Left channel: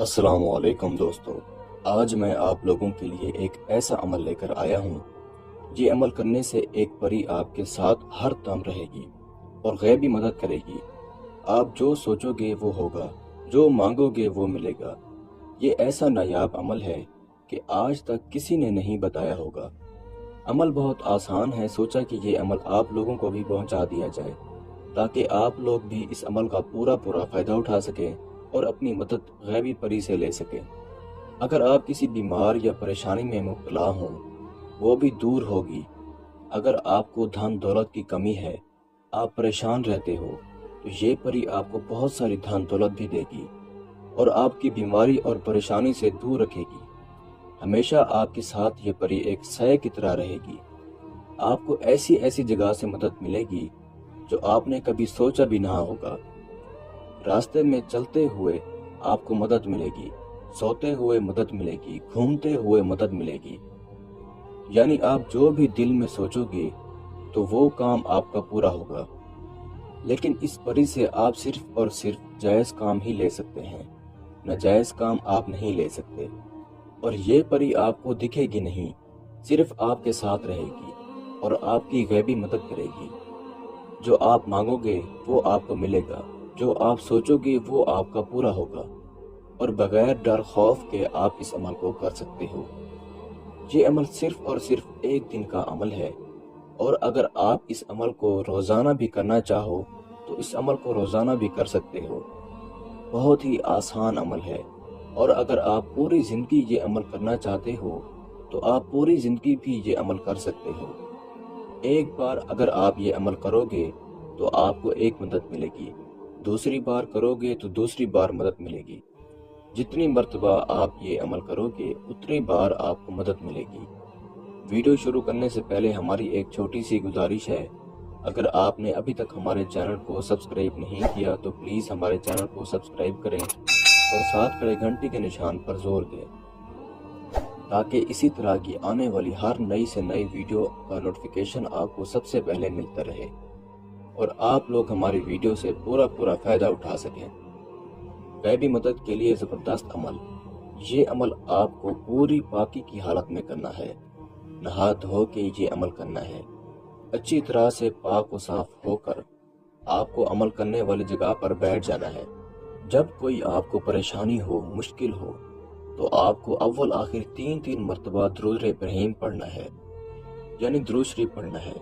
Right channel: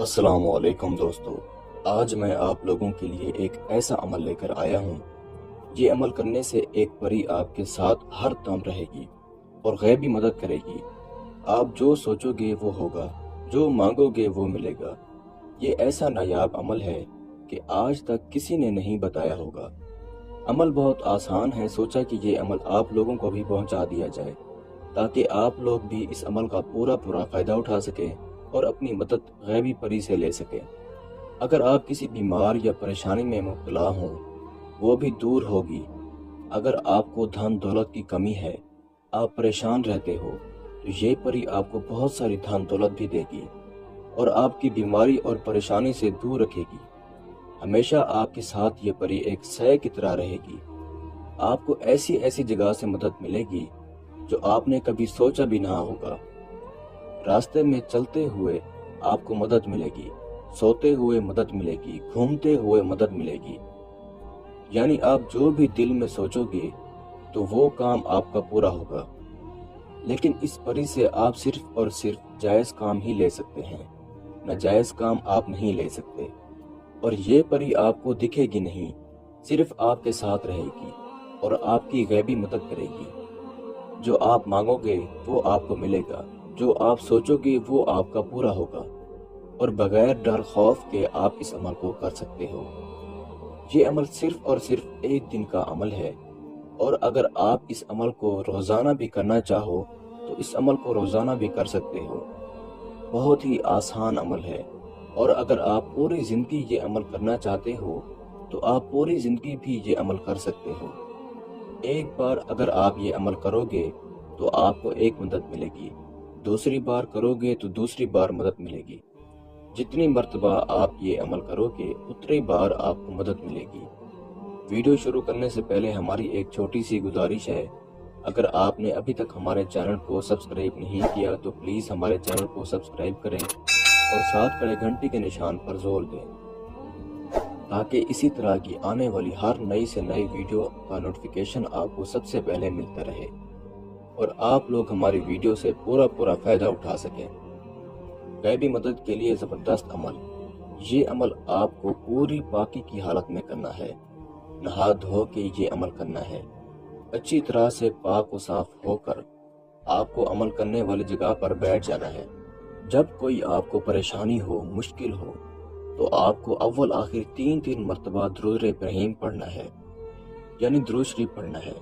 السلام علیکم دوستو، آج میں آپ لوگوں کے لیے ایک ایسا عمل لے کر آیا ہوں۔ یہ عمل کرنے سے ایک پری آپ کے ساتھ ہر دم رہے گی اور غیبی مدد کرے گی۔ آپ جو سوچو گے وہ ہوگا، جو مانگو گے وہ ملے گا۔ یہ ایسا نایاب عمل ہے کہ آج تک کسی نے نہیں بتایا ہوگا۔ عمل بہت آسان ہے، سوچا کہ یہ عمل آپ لوگوں کو بھی پہنچا دیا جائے تاکہ آپ لوگ بھی اس عمل کا پورا فائدہ اٹھا سکیں اور اپنی مدد غیبی پری سے لے سکیں۔ اگر آپ کسی بیمار یا پریشانی میں مبتلا ہوں، وہ بھی دور ہوگی۔ اگر آپ کو دھن دولت کی کمی ہے، آپ پریشان رہتے ہو، تو یہ پری آپ کو بہت ساری دھن دولت بھی دے گی اور آپ کی بیماری اور پریشانی سے دور رکھے گی۔ ہمیشہ آپ کے ساتھ یہ پری ایک سایہ کی طرح رہے گی۔ آپ کو ایسی جگہ سے مدد ملے گی جو آپ نے کبھی سوچا بھی نہ ہوگا۔ راستے میں چلتے ہوئے آپ کو مدد ملے گی، سوتے ہوئے مدد ملے گی، گھومتے ہوئے مدد ملے گی۔ یعنی آپ جو بھی دل میں سوچو گے تو وہ کام آپ کا پورا ہوگا۔ لیکن اس پری سے آپ صرف اور صرف جائز کام ہی لے سکتے ہیں، ناجائز کام آپ نہیں لے سکتے۔ اور یہ پری آپ کو دکھے گی نہیں، صرف آپ کے ساتھ رہے گی اور آپ کی غیبی مدد کرے گی۔ جو آپ مانگو گے وہ آپ کو ملے گا، جو آپ سوچو گے وہ آپ کا پورا ہوگا، اور بغیر ڈر خوف کے آپ اس عمل کو کر سکتے ہو۔ یہ عمل صرف اور صرف ایک دن کا عمل ہے، اور اگر آپ اس عمل کو روزانہ بھی کرنا چاہو تو اس عمل کو روزانہ بھی کر سکتے ہو۔ بہت ہی آسان عمل ہے، اور اگر آپ پوری زندگی یہ عمل کرنا چاہتے ہو تو آپ پوری زندگی بھی یہ عمل کر سکتے ہو۔ ایک بار اگر آپ یہ عمل کرو گے تو آپ کو ایک مدد ملے گی، دوسری بار کرو گے تو دوسری بار مدد ملے گی۔ جتنی مرتبہ آپ یہ عمل کرو گے اتنی بار آپ کو مدد ملے گی۔ ویڈیو شروع کرنے سے پہلے ہماری ایک چھوٹی سی گزارش ہے، اگر آپ نے ابھی تک ہمارے چینل کو سبسکرائب نہیں کیا تو پلیز ہمارے چینل کو سبسکرائب کریں اور ساتھ کھڑے گھنٹی کے نشان پر زور دیں تاکہ اسی طرح کی آنے والی ہر نئی سے نئی ویڈیو کا نوٹیفیکیشن آپ کو سب سے پہلے ملتا رہے اور آپ لوگ ہماری ویڈیو سے پورا فائدہ اٹھا سکیں۔ غیبی مدد کے لیے زبردست عمل۔ یہ عمل آپ کو پوری پاکی کی حالت میں کرنا ہے، نہا دھو کے یہ عمل کرنا ہے۔ اچھی طرح سے پاک و صاف ہو کر آپ کو عمل کرنے والی جگہ پر بیٹھ جانا ہے۔ جب کوئی آپ کو پریشانی ہو، مشکل ہو، تو آپ کو اول آخر تین مرتبہ درود ابراہیم پڑھنا ہے، یعنی درود شریف پڑھنا ہے۔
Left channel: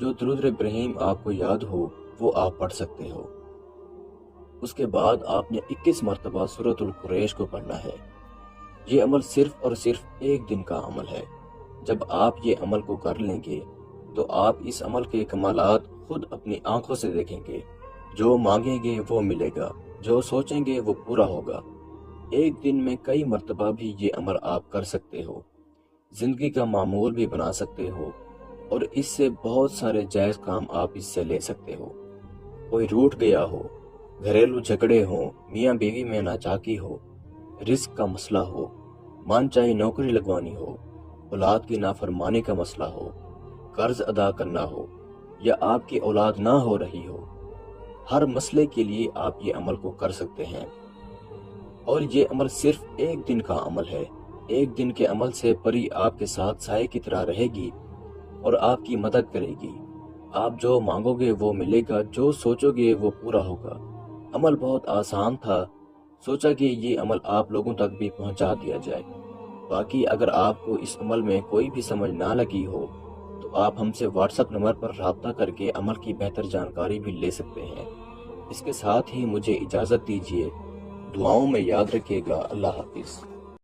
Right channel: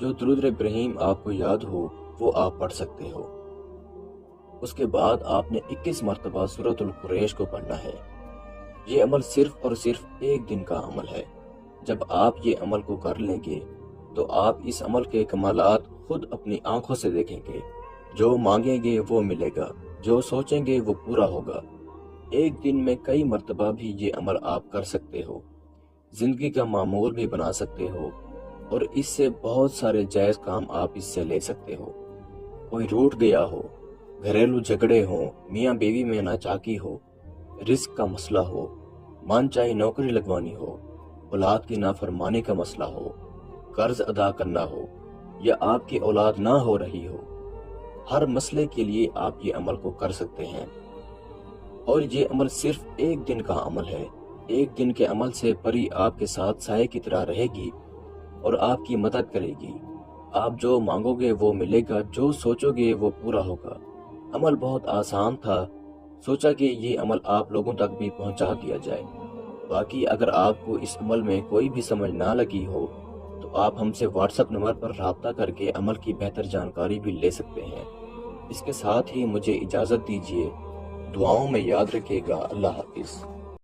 جو درود ابراہیم آپ کو یاد ہو وہ آپ پڑھ سکتے ہو۔ اس کے بعد آپ نے 21 مرتبہ سورۃ القریش کو پڑھنا ہے۔ یہ عمل صرف اور صرف ایک دن کا عمل ہے۔ جب آپ یہ عمل کو کر لیں گے تو آپ اس عمل کے کمالات خود اپنی آنکھوں سے دیکھیں گے۔ جو مانگیں گے وہ ملے گا، جو سوچیں گے وہ پورا ہوگا۔ ایک دن میں کئی مرتبہ بھی یہ عمل آپ کر سکتے ہو، زندگی کا معمول بھی بنا سکتے ہو، اور اس سے بہت سارے جائز کام آپ اس سے لے سکتے ہو۔ کوئی روٹھ گیا ہو، گھریلو جھگڑے ہوں، میاں بیوی میں ناچاکی ہو، رزق کا مسئلہ ہو، من چاہے نوکری لگوانی ہو، اولاد کی نافرمانی کا مسئلہ ہو، قرض ادا کرنا ہو، یا آپ کی اولاد نہ ہو رہی ہو، ہر مسئلے کے لیے آپ یہ عمل کو کر سکتے ہیں۔ اور یہ عمل صرف ایک دن کا عمل ہے۔ ایک دن کے عمل سے پری آپ کے ساتھ سائے کی طرح رہے گی اور آپ کی مدد کرے گی۔ آپ جو مانگو گے وہ ملے گا، جو سوچو گے وہ پورا ہوگا۔ عمل بہت آسان تھا، سوچا کہ یہ عمل آپ لوگوں تک بھی پہنچا دیا جائے۔ باقی اگر آپ کو اس عمل میں کوئی بھی سمجھ نہ لگی ہو تو آپ ہم سے واٹس ایپ نمبر پر رابطہ کر کے عمل کی بہتر جانکاری بھی لے سکتے ہیں۔ اس کے ساتھ ہی مجھے اجازت دیجیے، دعاؤں میں یاد رکھیے گا۔ اللہ حافظ۔